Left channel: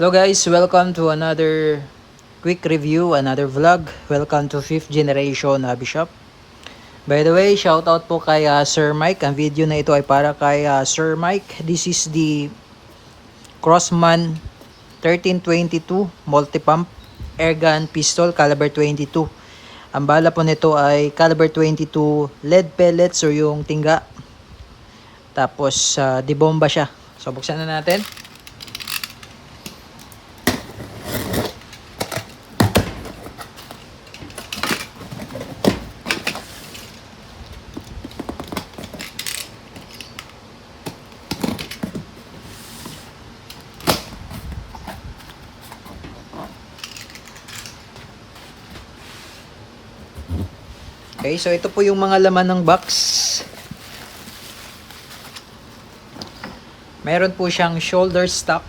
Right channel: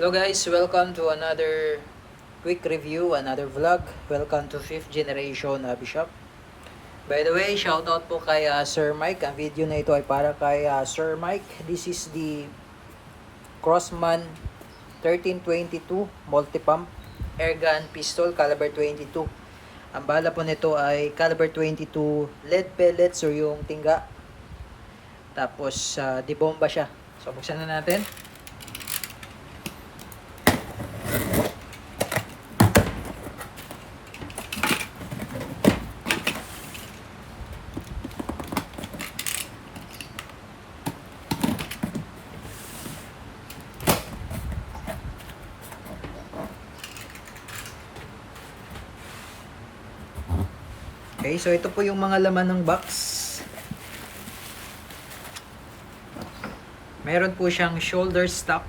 Hello guys, welcome to another quick review, another vlog. Welcome to 5th generation hobby shop. By the way, shoutout po kay Sir Mike. Ang video na ito ay para kay Sir Mike. This is the Crossman 1322 multi-pump airgun pistol caliber 22. Ang bala po nito ay caliber 22 lead pellets o yung tingga. Tapos dibomba siya. So buksan na natin. Okay, so ito po yung mga laman ng box. Meron po siyang shoulder stock.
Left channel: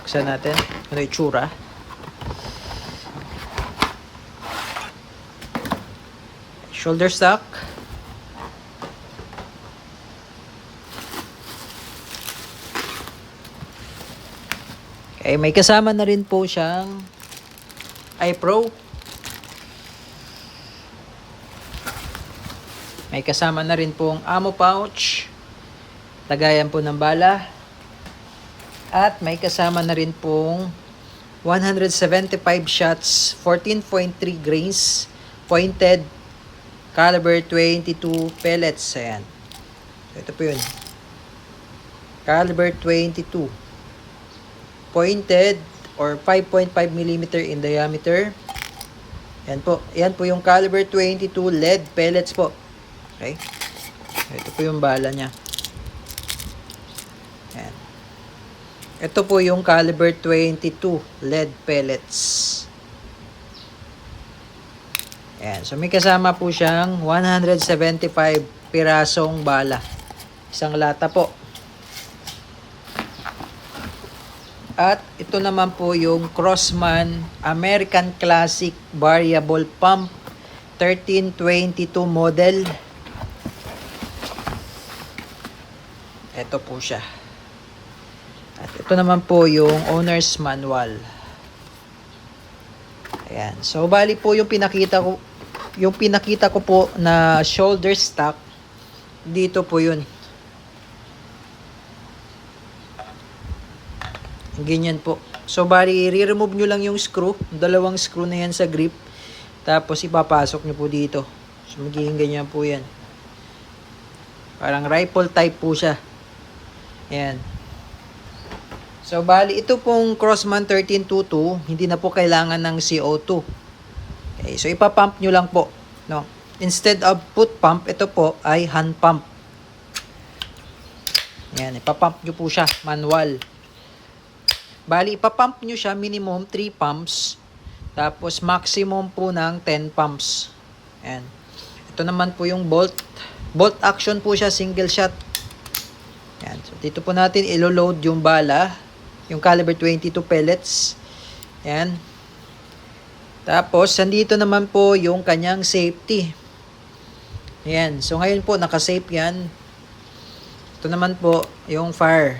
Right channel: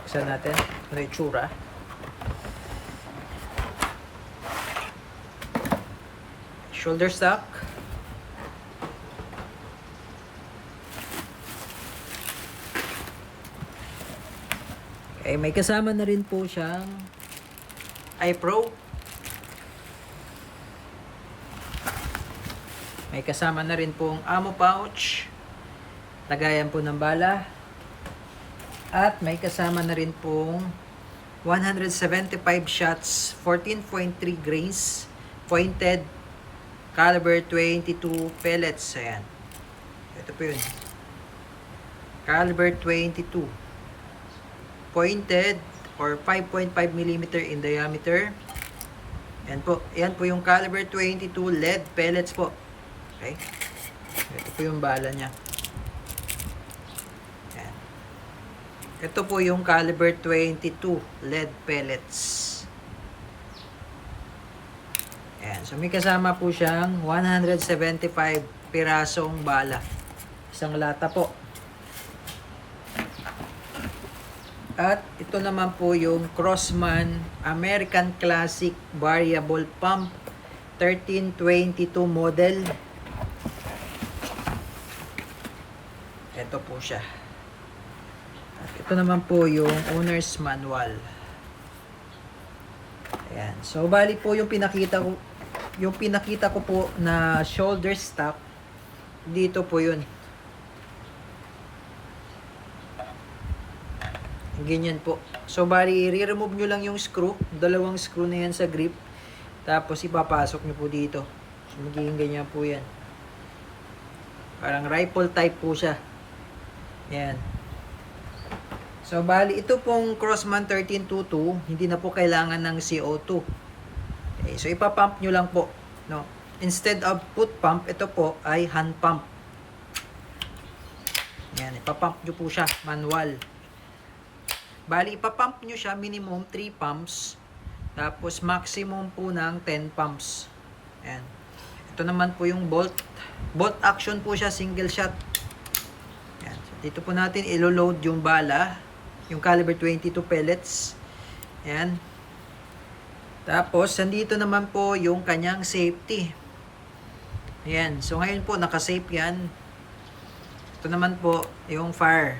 Buksan natin. Ano yung tsura? Shoulder stock. Okay, may kasama na rin po siyang iPro. May kasama na rin pong ammo pouch. Lagayan po ng bala. At may kasama na rin pong 175 shots, 14.3 grains, pointed, caliber 22 pellets. Ayan. Ito po yun. Caliber 22. Pointed or 5.5 mm in diameter. Yan po. Yan po yung caliber 22 lead pellets po. Okay. Ito po yung bala niya. Yan. Ito po yung caliber 22 lead pellets. Yan. So may kasama po siyang 175 pirasong bala. Isang lata po. At ito naman po yung Crossman American Classic Variable Pump 1322 model. Ito po siya. At ito naman po yung owner's manual. Ayan. So bali po yung pinakita ko po na shoulder stock, dito po yun. Ganyan po. So bali i-remove nyo lang yung screw, dalawang screw na yan sa grip. Tapos ipapasok nyo po dito. So magiging ganyan po yan. Parang rifle type po siya. Ayan. So bali ito pong Crossman 1322, hindi na po kailangan ng CO2. Okay, so ipapump nyo lang po, no? Instead of foot pump, ito po ay hand pump. Ayan, ipapump nyo po siya manual. Bali, ipapump nyo siya minimum 3 pumps. Tapos, maximum po ng 10 pumps. Ayan. Ito naman po yung bolt. Bolt action po siya, single shot. Ayan. So, dito po natin ilo-load yung bala. Yung caliber 22 pellets. Ayan. Tapos, nandito naman po yung kanyang safety. Ayan. So, ngayon po, naka-safe yan. Ito naman po, yung fire.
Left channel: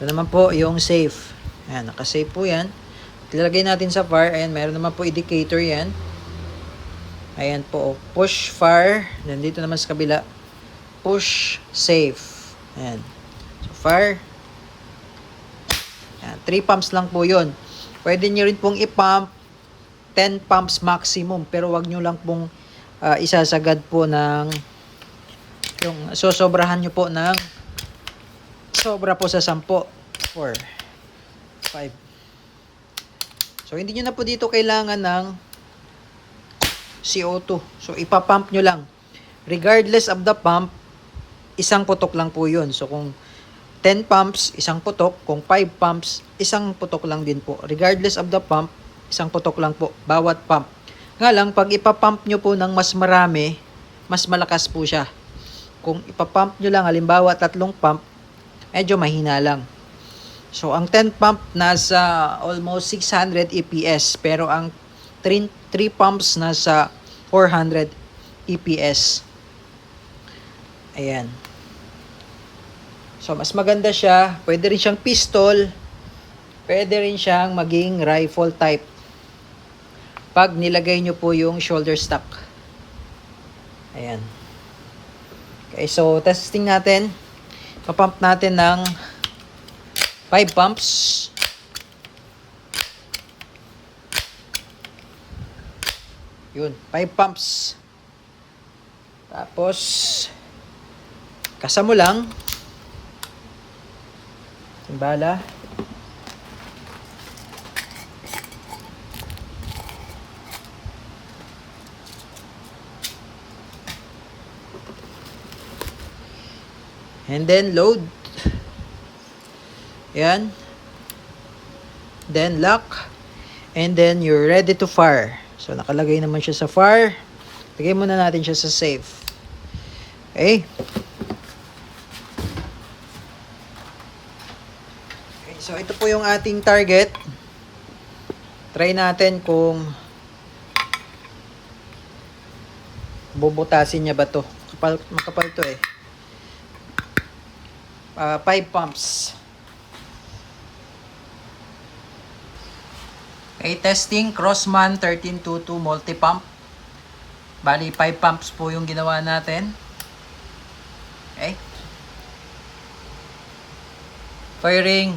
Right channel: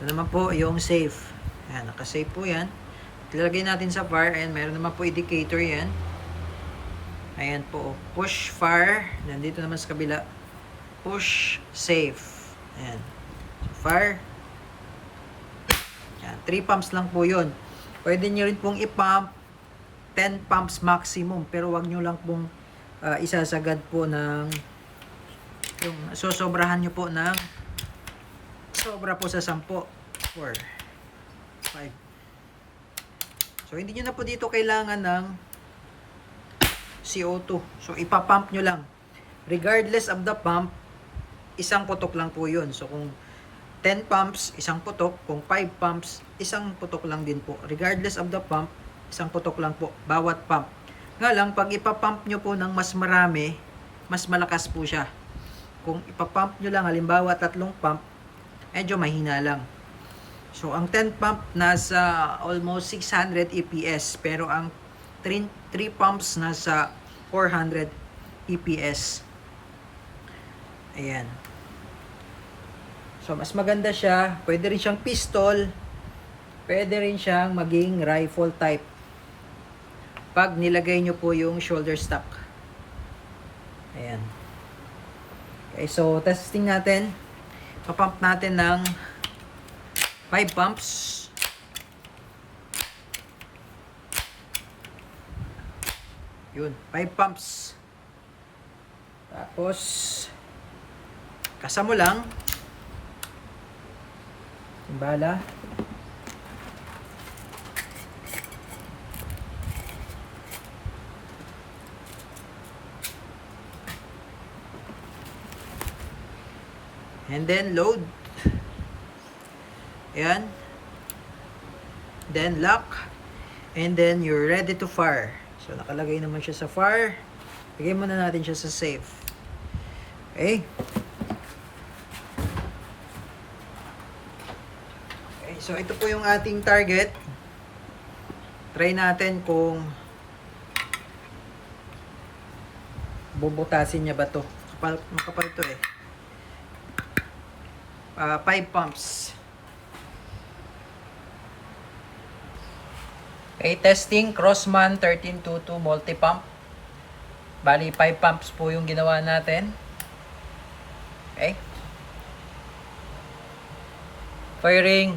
Ito naman po yung safe. Ayan, naka-safe po yan. Ilalagay natin sa fire. Ayan, mayroon naman po indicator yan. Ayan po, push fire. Nandito naman sa kabila, push safe. Ayan. So, fire. Ayan, 3 pumps lang po yun. Pwede nyo rin pong i-pump 10 pumps maximum. Pero wag nyo lang pong isasagad po ng yung sosobrahan nyo po ng sobra po sa 10, 4, 5. So, hindi nyo na po dito kailangan ng CO2. So, ipapump nyo lang. Regardless of the pump, isang putok lang po yun. So, kung 10 pumps, isang putok. Kung 5 pumps, isang putok lang din po. Regardless of the pump, isang putok lang po. Bawat pump. Nga lang, pag ipapump nyo po ng mas marami, mas malakas po siya. Kung ipapump nyo lang, halimbawa 3 pump, medyo mahina lang. So, ang 10 pump nasa almost 600 EPS. Pero ang 3 pumps nasa 400 EPS. Ayan. So, mas maganda siya. Pwede rin siyang pistol. Pwede rin siyang maging rifle type. Pag nilagay nyo po yung shoulder stock. Ayan. Okay, so testing natin. Papump natin ng 5 pumps. Yun, 5 pumps. Tapos, kasa mo lang. Timbala. And then load. Yan. Then lock. And then you're ready to fire. So nakalagay naman siya sa fire. Lagay muna natin siya sa safe. Okay. Okay, so ito po yung ating target. Try natin kung bubutasin niya ba to. Makapal to eh. 5 pumps. Okay, testing Crossman 1322 multi-pump. Bali, 5 pumps po yung ginawa natin. Okay. Firing.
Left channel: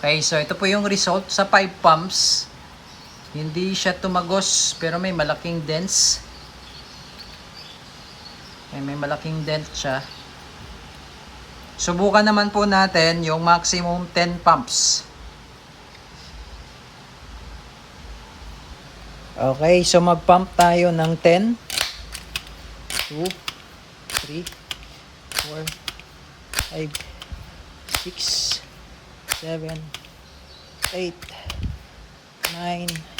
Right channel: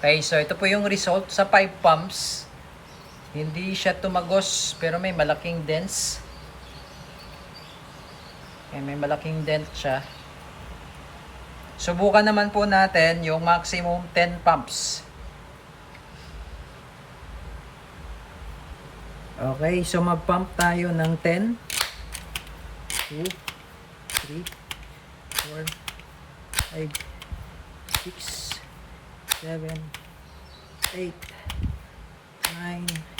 Okay, so ito po yung result sa 5 pumps. Hindi siya tumagos, pero may malaking dents. Okay, may malaking dent siya. Subukan naman po natin yung maximum 10 pumps. Okay, so mag-pump tayo ng 10. 2, 3, 4, 5, 6, 7, 8, 9,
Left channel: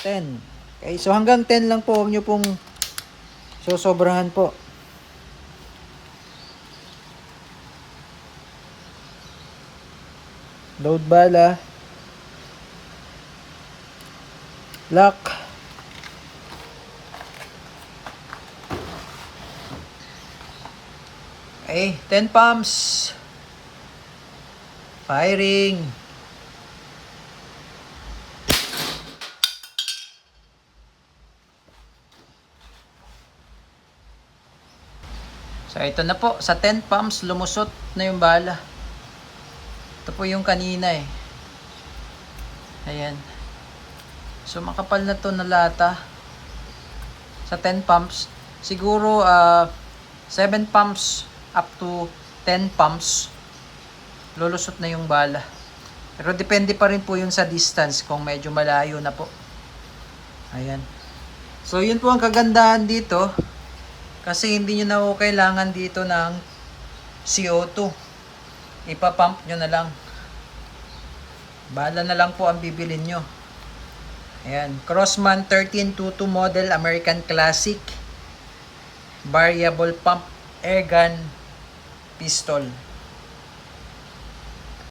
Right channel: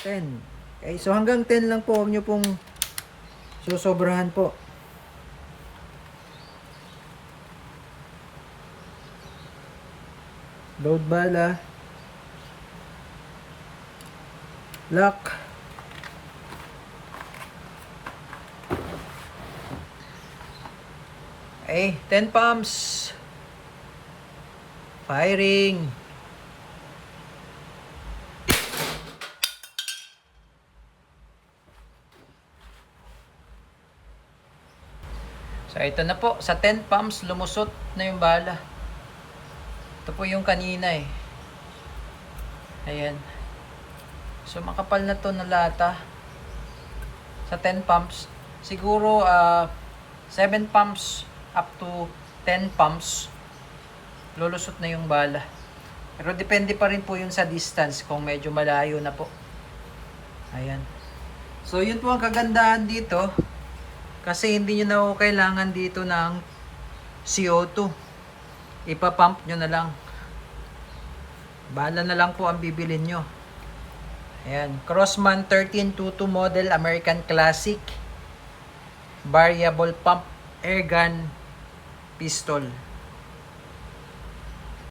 10. Okay, so hanggang 10 lang po. Huwag nyo pong sosobrahan po. Load bala. Lock. Okay, 10 pumps. Firing. So ito na po, sa 10 pumps lumusot na yung bala. Ito po yung kanina eh. Ayan. So makapal na to na lata. Sa 10 pumps, siguro 7 pumps up to 10 pumps lulusot na yung bala. Pero depende pa rin po yun sa distance kung medyo malayo na po. Ayan. So yun po ang kagandahan dito. Kasi hindi nyo na kailangan dito ng CO2. Ipapump nyo na lang. Bala na lang po ang bibilin nyo. Ayan. Crossman 1322 model American Classic. Variable pump airgun pistol.